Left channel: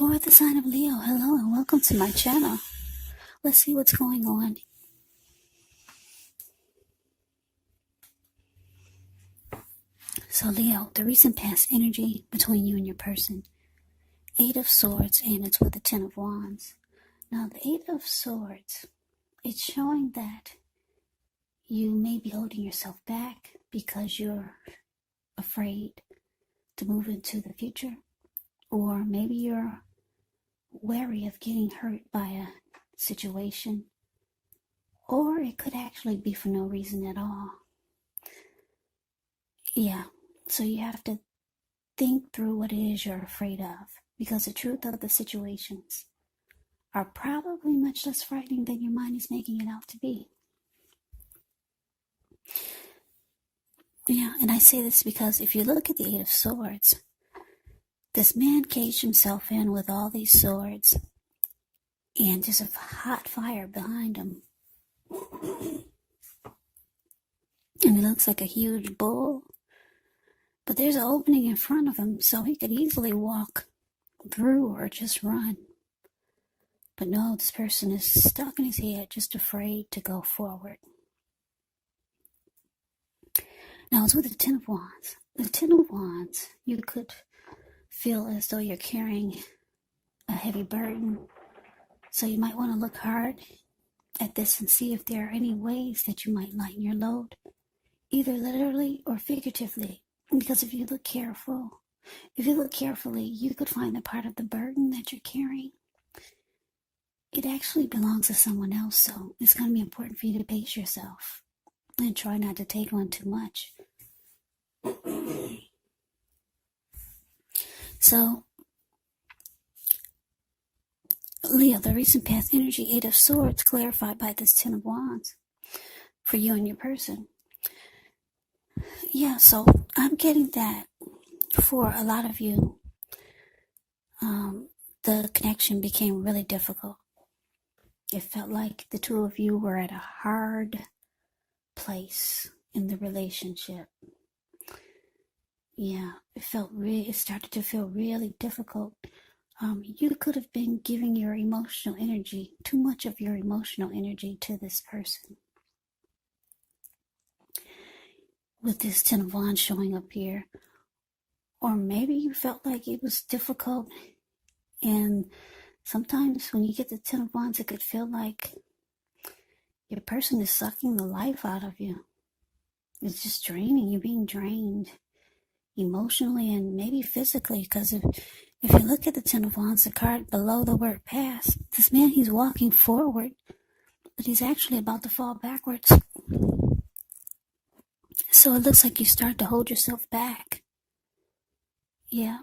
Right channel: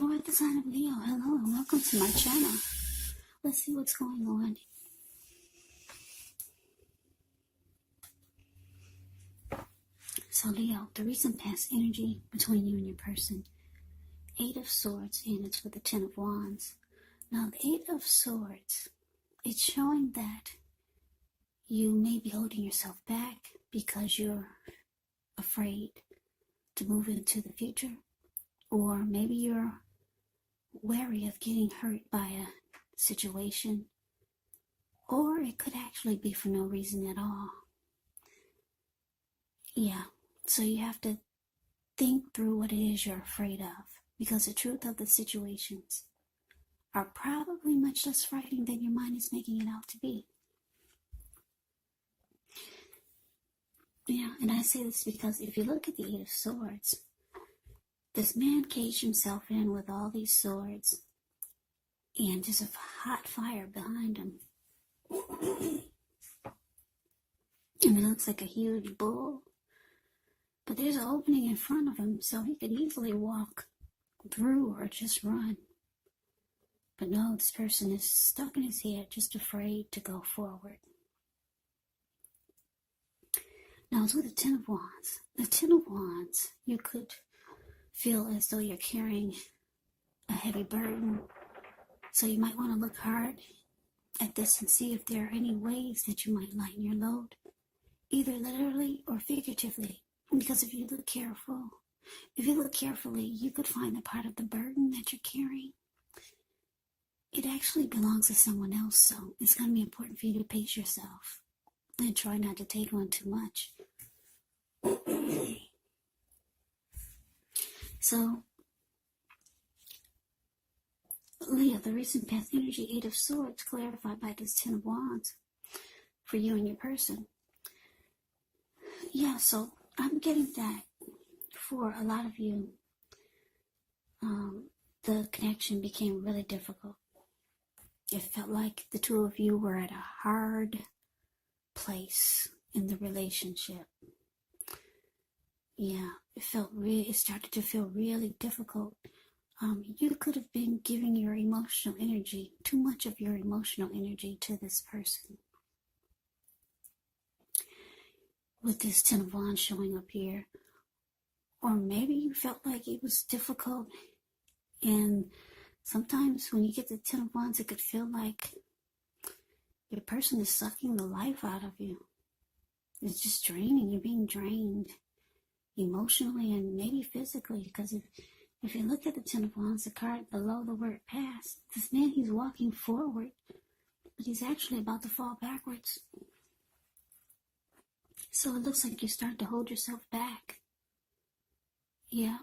For the sign of Leo, hello and welcome to my channel. Let's see what's going on. So Leo, the recent past energy between you and your person. 8 of Swords, and it's with the 10 of Wands. Now the 8 of Swords, it's showing that you may be holding yourself back because you're afraid to move into the future. Or maybe you're wary of getting hurt by a situation. Or it could actually be for no reason at all. Yeah, so you have to think through what it is you're afraid of. Because the truth of the situations are probably much less frightening than your mind is making it out to be. Yeah, and I say this because if you look at the 8 of Swords, this man caged himself in with all these swords, and there's a hot fire behind him. And it looks like a huge bull, but there's an opening in front of him, so he could easily walk through or just run. But no, this person is stuck in his head, just afraid to go forward. Now it's with the 10 of Wands. The 10 of Wands, you could feel as though you're carrying a heavy burden. So you might want to look hard at this and see if there are any ways that you might lighten your load, either literally or figuratively. Because if you look carefully, you could find that part of the burden that you're carrying, it actually belongs to someone else. So it's going to be important for you to pace yourself and try not to take on too much. So, Leo, the recent past energy, 8 of Swords, clarified by this 10 of Wands for you and your person. Yeah, so I'm getting that for a lot of you, the connection became really difficult. It felt like the two of you were at a hard place in the relationship. Yeah, it started to feel really difficult. You could have been giving your emotional energy, too much of your emotional energy to this person. With this 10 of Wands showing up here. Or maybe you felt like it was difficult. And sometimes when you get the 10 of Wands, it could feel like your person is sucking the life out of you. It's just draining. You're being drained emotionally and maybe physically. Because if you look at the 10 of Wands, the card below the word past, this man, he's walking forward, but he's actually about to fall backwards. So it looks like you start to hold yourself back. Yeah.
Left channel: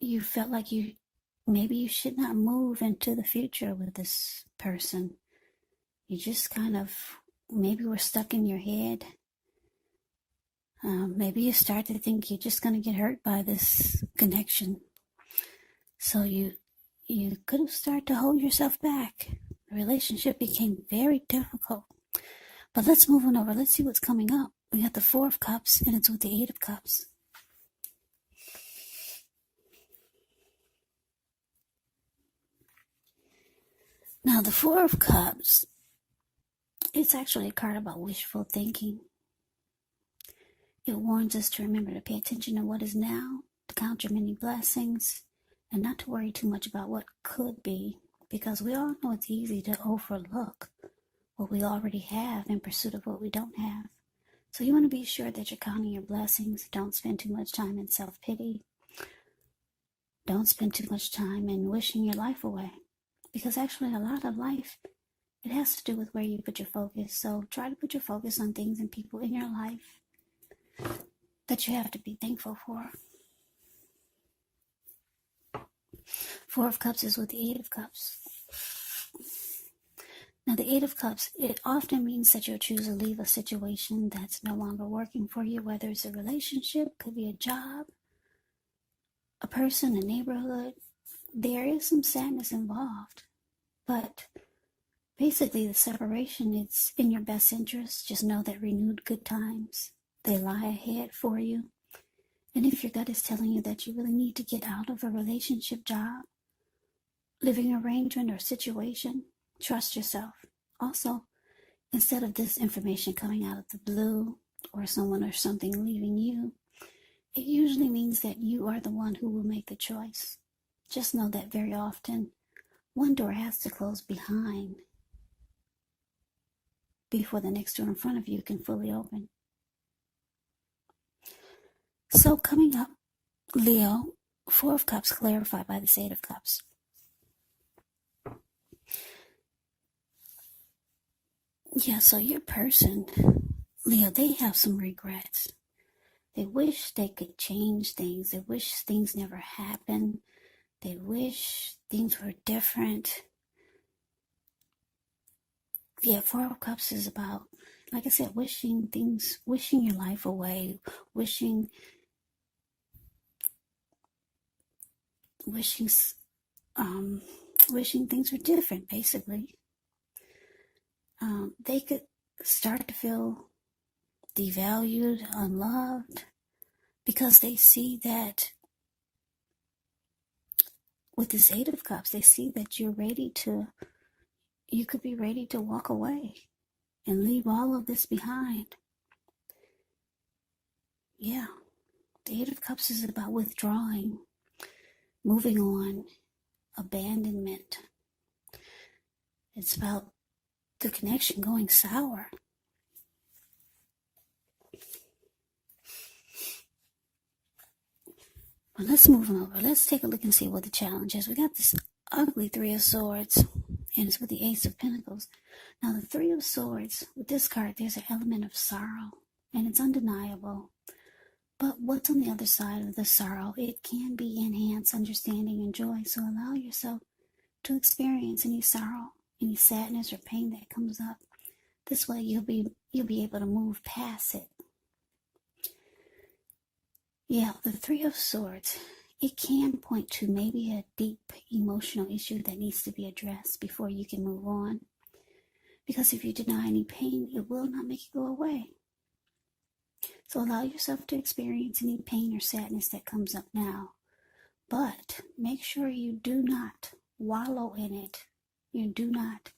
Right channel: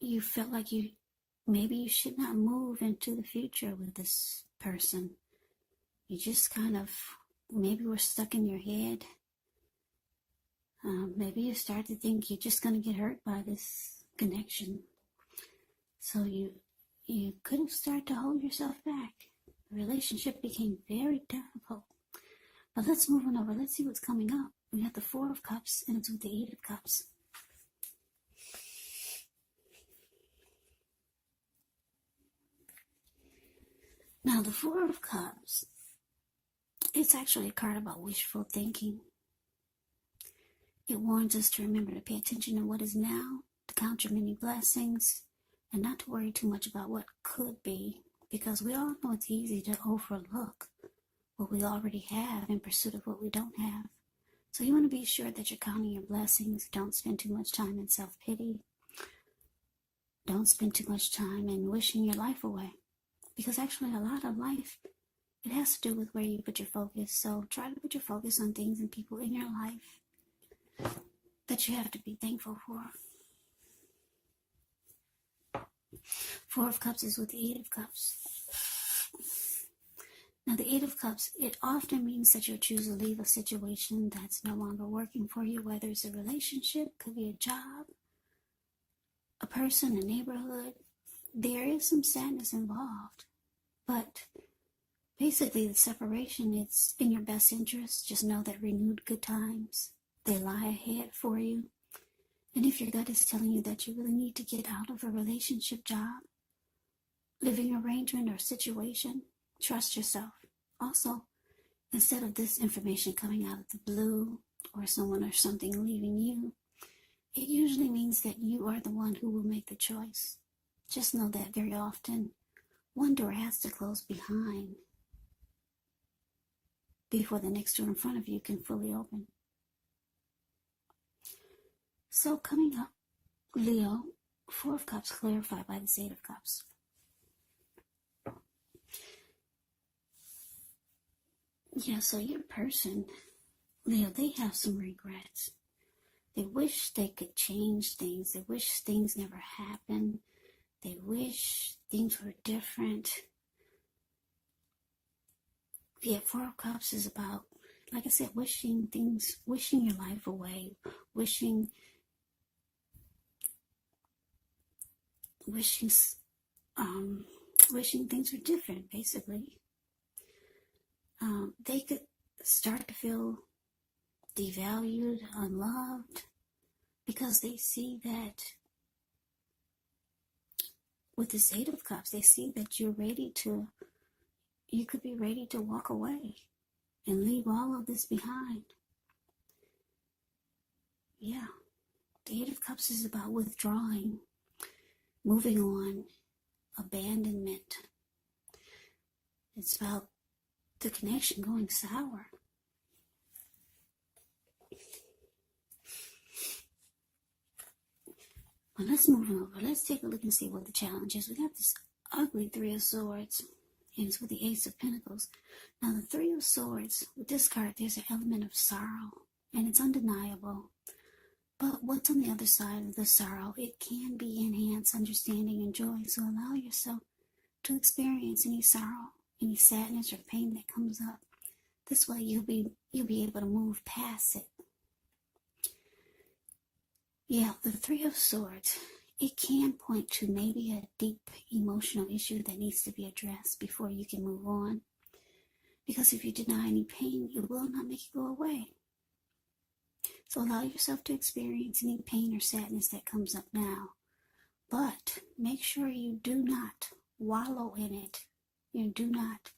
You felt like maybe you should not move into the future with this person. You just kind of, maybe were stuck in your head. Maybe you start to think you're just going to get hurt by this connection. So you could have started to hold yourself back. The relationship became very difficult. But let's move on over. Let's see what's coming up. We got the 4 of Cups, and it's with the 8 of Cups. Now, the 4 of Cups, it's actually a card about wishful thinking. It warns us to remember to pay attention to what is now, to count your many blessings, and not to worry too much about what could be, because we all know it's easy to overlook what we already have in pursuit of what we don't have. So you want to be sure that you're counting your blessings. Don't spend too much time in self-pity. Don't spend too much time in wishing your life away. Because actually a lot of life, it has to do with where you put your focus. So try to put your focus on things and people in your life that you have to be thankful for. 4 of Cups is with the 8 of Cups. Now the 8 of Cups, it often means that you'll choose to leave a situation that's no longer working for you, whether it's a relationship, could be a job, a person, a neighborhood. There is some sadness involved, but basically the separation is in your best interest. Just know that renewed good times, they lie ahead for you. And if your gut is telling you that you really need to get out of a relationship, job, living arrangement, or situation, trust yourself. Also, instead of this information coming out of the blue or someone or something leaving you, it usually means that you are the one who will make the choice. Just know that very often, one door has to close behind before the next door in front of you can fully open. So coming up, Leo, Four of Cups clarified by the Eight of Cups. Yeah, so your person, Leo, they have some regrets. They wish they could change things. They wish things never happened. They wish things were different. Yeah, Four of Cups is about, like I said, wishing your life away, wishing things were different, basically. They could start to feel devalued, unloved, because they see that with this Eight of Cups, they see that you could be ready to walk away and leave all of this behind. Yeah, the Eight of Cups is about withdrawing, moving on, abandonment. It's about the connection going sour. Well, let's move on over. Let's take a look and see what the challenge is. We got this ugly Three of Swords, and it's with the Ace of Pentacles. Now, the Three of Swords, with this card, there's an element of sorrow, and it's undeniable. But what's on the other side of the sorrow? It can be enhanced understanding and joy. So allow yourself to experience any sorrow, any sadness or pain that comes up. This way you'll be able to move past it. Yeah, the Three of Swords, it can point to maybe a deep emotional issue that needs to be addressed before you can move on. Because if you deny any pain, it will not make it go away. So allow yourself to experience any pain or sadness that comes up now. But make sure you do not wallow in it. You do not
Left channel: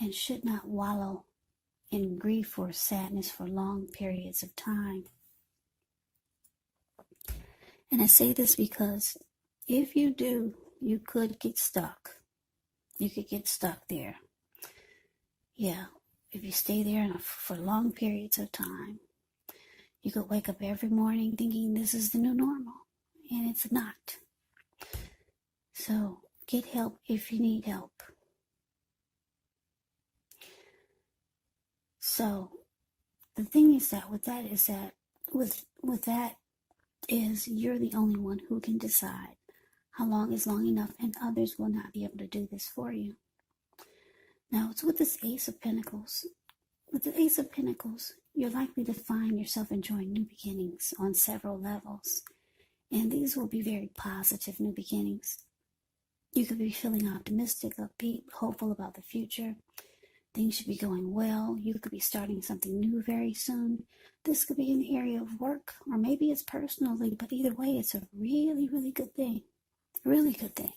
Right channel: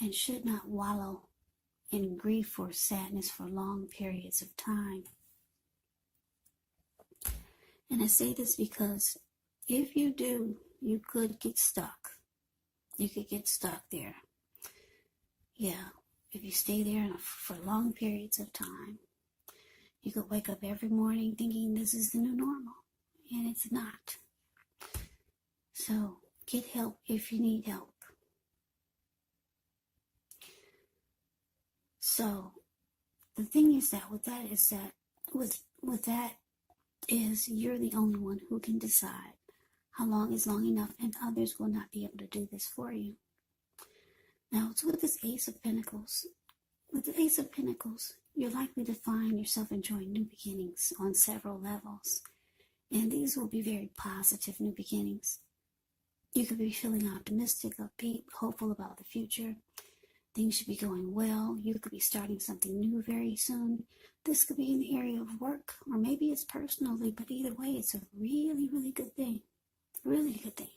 and should not wallow in grief or sadness for long periods of time. And I say this because if you do, you could get stuck. You could get stuck there. Yeah, if you stay there for long periods of time, you could wake up every morning thinking this is the new normal, and it's not. So get help if you need help. So the thing is that with that is you're the only one who can decide how long is long enough, and others will not be able to do this for you. Now it's with this Ace of Pentacles. With the Ace of Pentacles, you're likely to find yourself enjoying new beginnings on several levels. And these will be very positive new beginnings. You could be feeling optimistic, upbeat, hopeful about the future. Things should be going well. You could be starting something new very soon. This could be an area of work, or maybe it's personally, but either way, it's a really, really good thing. Really good thing.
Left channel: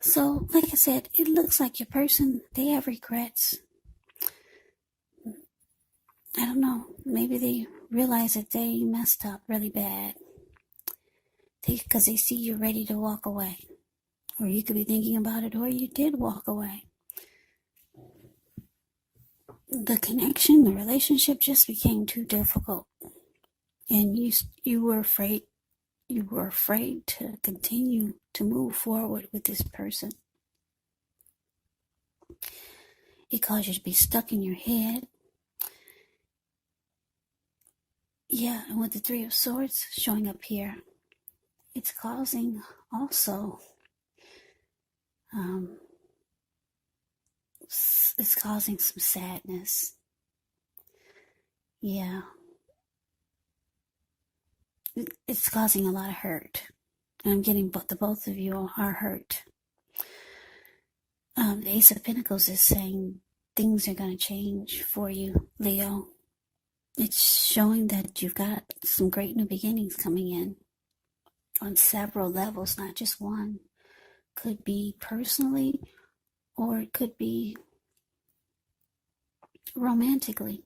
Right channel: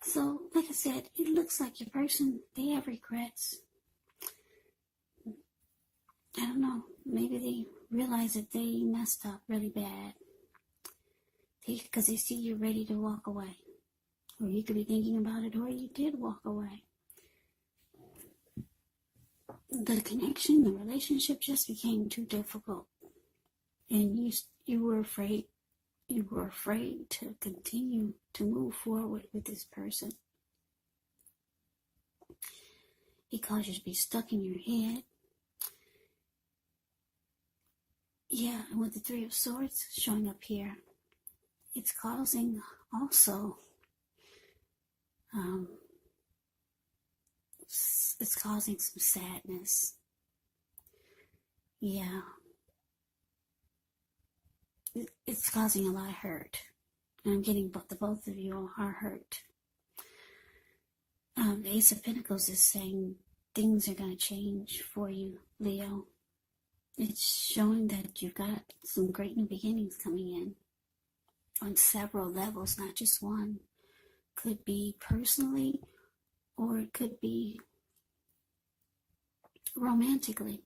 So, like I said, it looks like your person, they have regrets. I don't know. Maybe they realize that they messed up really bad. Because they see you're ready to walk away. Or you could be thinking about it, or you did walk away. The connection, the relationship just became too difficult. And you were afraid to continue to move forward with this person. It caused you to be stuck in your head. Yeah, and with the Three of Swords showing up here, it's causing also, it's causing some sadness. Yeah. It's causing a lot of hurt. And I'm getting the both of you are hurt. The Ace of Pentacles is saying things are going to change for you, Leo. It's showing that you've got some great new beginnings coming in on several levels, not just one. Could be personally, or it could be romantically,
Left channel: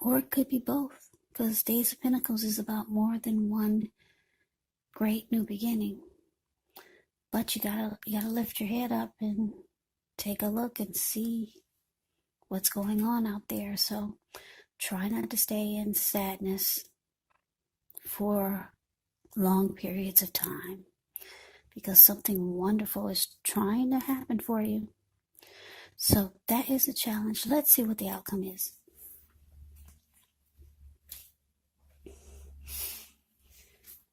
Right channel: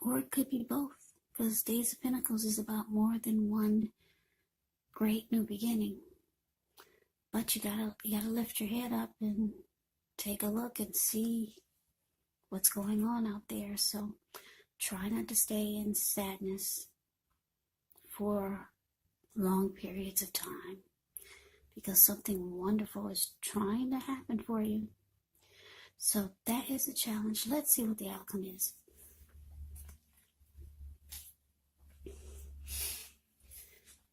or it could be both. Because Days of Pentacles is about more than one great new beginning. But you gotta lift your head up and take a look and see what's going on out there. So try not to stay in sadness for long periods of time, because something wonderful is trying to happen for you. So that is a challenge. Let's see what the outcome is.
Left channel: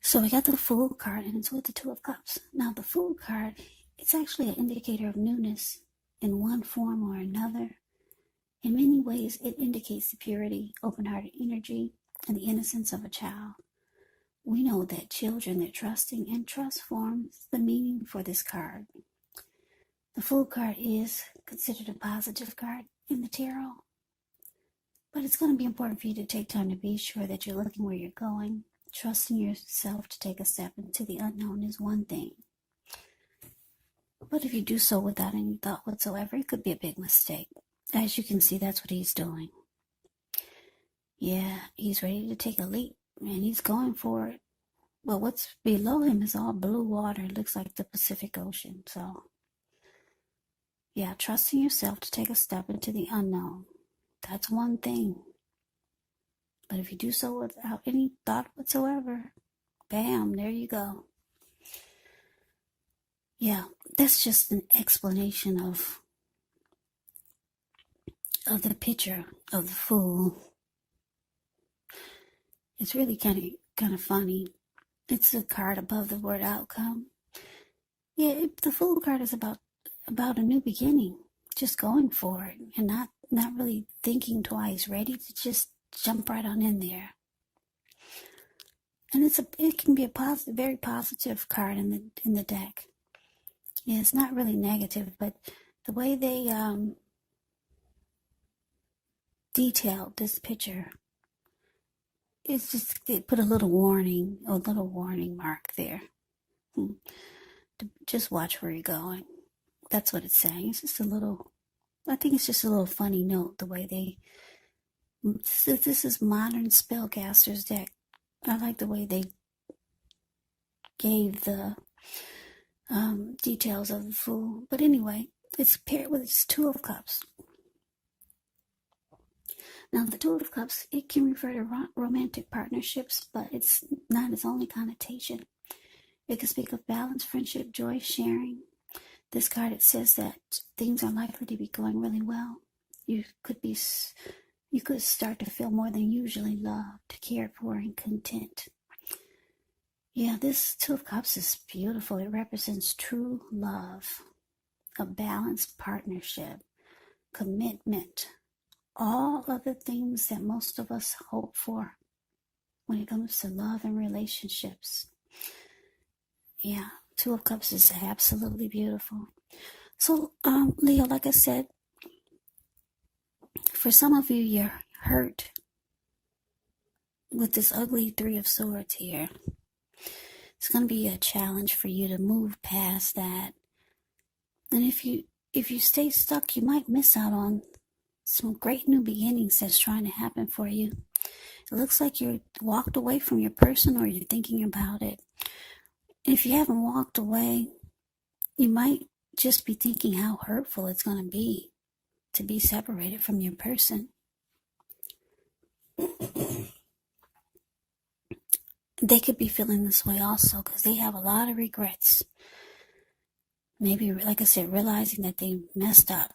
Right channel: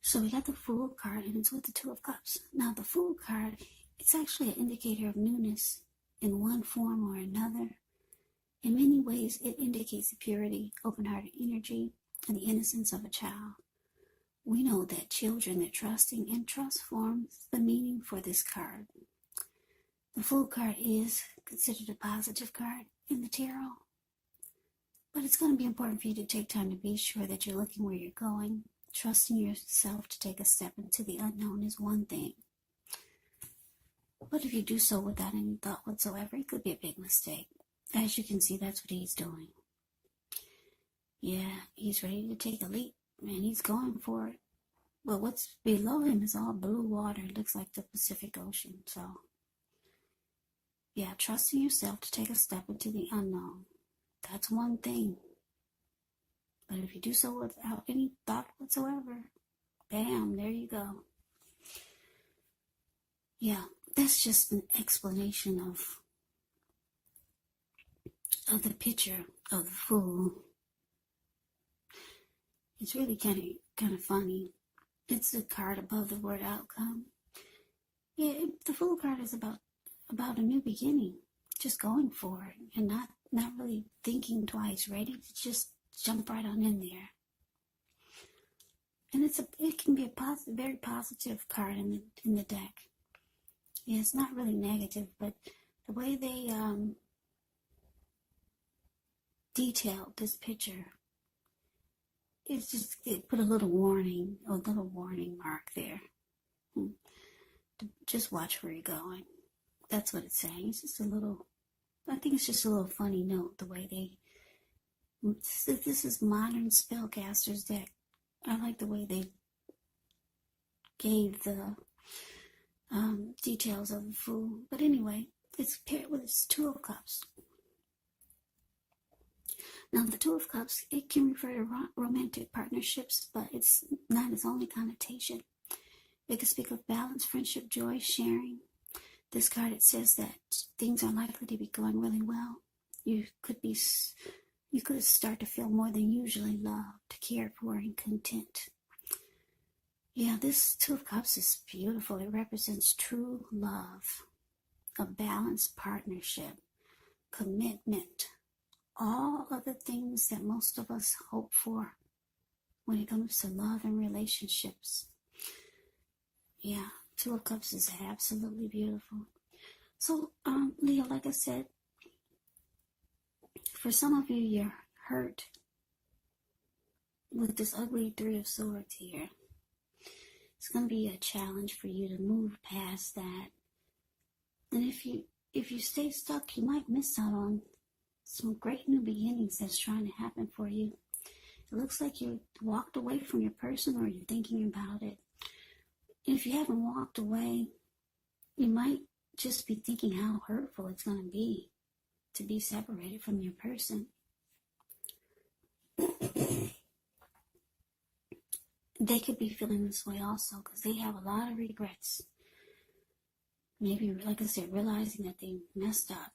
So we got the Fool card, and it's with the Two of Cups. Now the Fool card, it's actually an indicator of newness in one form or another. In many ways, it indicates the purity, open-hearted energy, and the innocence of a child. We know that children are trusting, and trust forms the meaning for this card. The Fool card is considered a positive card in the tarot, but it's going to be important for you to take time to be sure that you're looking where you're going. Trusting yourself to take a step into the unknown is one thing, but if you do so without any thought whatsoever, it could be a big mistake. As you can see, that's what he's doing. Yeah, he's ready to take a leap, and he's going for it. Well, what's below him is all blue water. It looks like the Pacific Ocean. So, yeah, trusting yourself to take a step into the unknown. That's one thing. But if you do so without any thought whatsoever, bam, there you go. Yeah, that's just an explanation of the picture of the Fool. It's really kind of funny. It's the card above the word outcome. Yeah, the Fool card is about a new beginning, just going for it, and not really thinking twice, ready to just jump right on in there. And it can be a positive, very positive card in the deck. Yeah, it's not really negative, but the way they detailed this picture, it put a little warning mark there. Just watch where you're going. That's what it's saying. It's just I think it's just a little funny note, the way this is modern spellcasters deck. I like the way they gave the details of the Fool. But anyway, it's paired with its Two of Cups. Now, the Two of Cups, it can refer to romantic partnerships, but it's not its only connotation. It can speak of balance, friendship, joy, sharing. This card, it says that things are likely to be going really well. You could start to feel more than usually loved, cared for, and content. Yeah, this Two of Cups is beautiful. It represents true love, a balanced partnership, commitment, all of the things that most of us hope for when it comes to love and relationships. Yeah, Two of Cups is absolutely beautiful. So, Leo, like I said, for some of you, you're hurt with this ugly Three of Swords here. It's going to be a challenge for you to move past that. And if you stay stuck, you might miss out on some great new beginnings that's trying to happen for you. It looks like you're walked away from your person, or you're thinking about it. If you haven't walked away, you might just be thinking how hurtful it's going to be separated from your person. They could be feeling this way also, because they have a lot of regrets. Maybe, like I said, realizing that they messed up.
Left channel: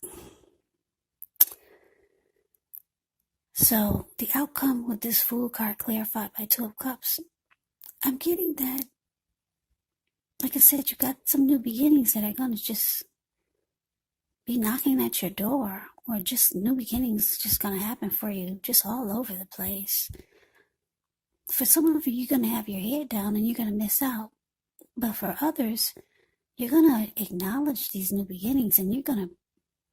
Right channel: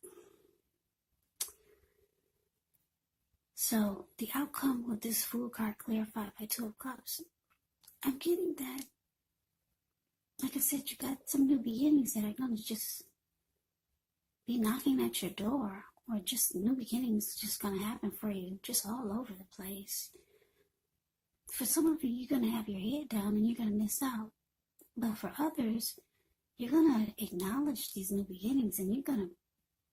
So the outcome with this Fool card clarified by Two of Cups, I'm getting that, like I said, you got some new beginnings that are going to just be knocking at your door, or just new beginnings just going to happen for you, just all over the place. For some of you, you're going to have your head down and you're going to miss out. But for others, you're going to acknowledge these new beginnings, and you're going to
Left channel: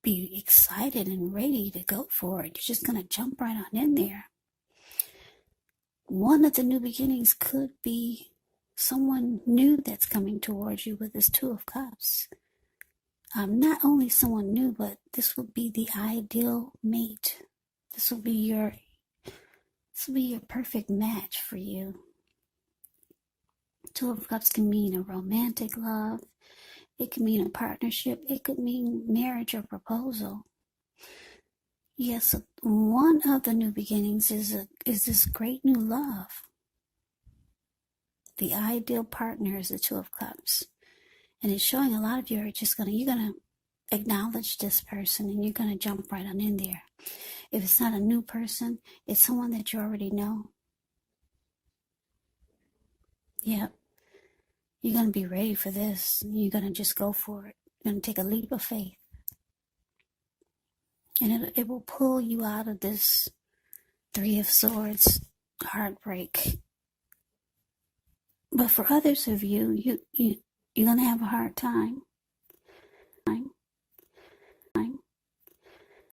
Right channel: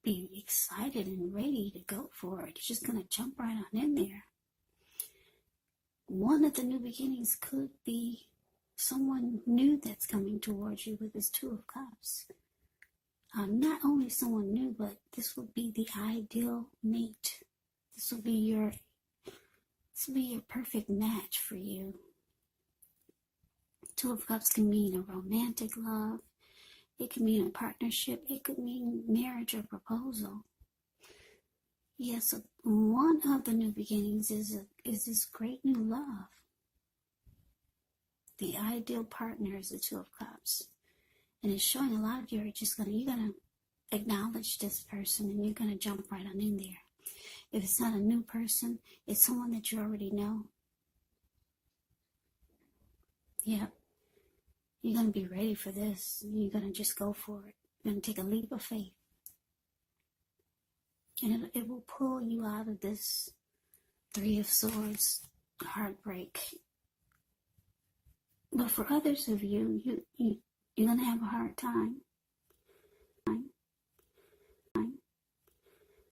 be excited and ready to go for it. You're just going to jump right on in there. one of the new beginnings could be someone new that's coming towards you with this Two of Cups. Not only someone new, but this will be the ideal mate. This will be your perfect match for you. Two of Cups can mean a romantic love. It can mean a partnership. It could mean marriage or proposal. Yes, one of the new beginnings is this great new love. The ideal partner is the Two of Cups. And it's showing a lot of you are just you're gonna acknowledge this person and you're gonna jump right on in there. If it's not a new person, it's someone that you already know. Yep. You're gonna be ready for this. You're gonna just go for it. You're gonna take a leap of faith. And it will pull you out of this Three of Swords heartbreak. But for others of you, you're going to have a hard time.